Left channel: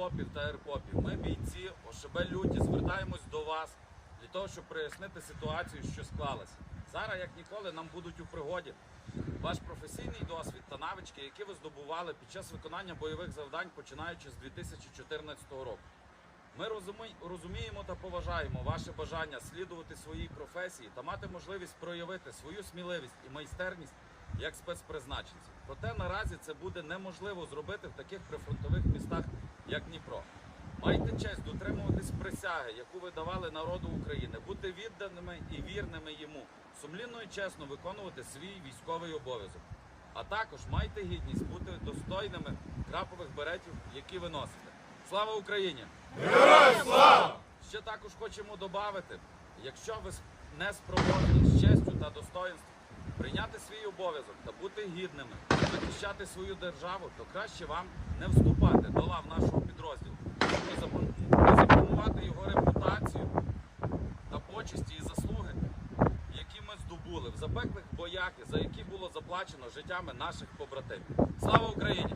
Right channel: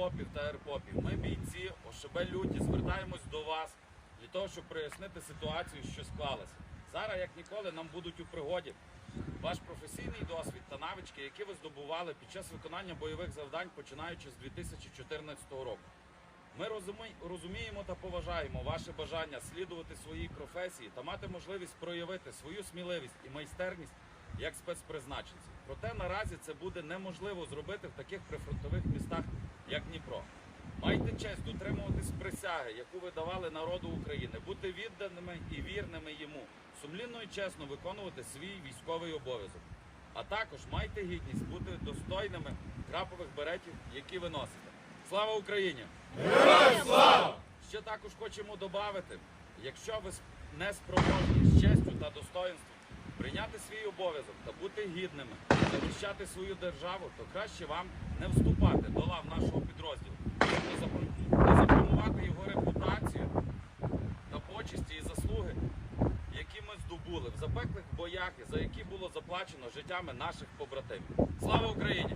ФОПів та ЕРПОПів. Ми бійці ОШБ люті звертаємось до вас для того, щоб прояснити ситуацію, що склалася. Зараз, як ніколи, нам будуть у пригоді ваш професійний досвід та навички, які ви здобували під час виконання бойових завдань, починаючи з 2014 року. Ми розуміємо та поважаємо ваше бажання слідувати своїй професії та мати можливість проявити свою сміливість і майстерність як спецпризначенців. Проте наразі це буде неможливо зробити в таких прифронтових містах, як Дніпро. Майте честь дотримуватись присяги, яку ви давали народу України, бути відданими і вірними йому, сумлінно і чесно виконувати свій військовий обов'язок. А також майте гідність бути достойними крапових беретів, які ви носите. Слава Україні! Ще також хочемо додати, якщо ви не спроможні з честю та достоинством прийняти свій обов'язок та бути гідними, захищати свою державу, то краще вам не вступати до лав нашого підрозділу, не запро- запромувати його репутацію та почесті і заслуги, які ми здобули в запеклих боях, за які було заплачено життями наших побратимів. Слава Україні!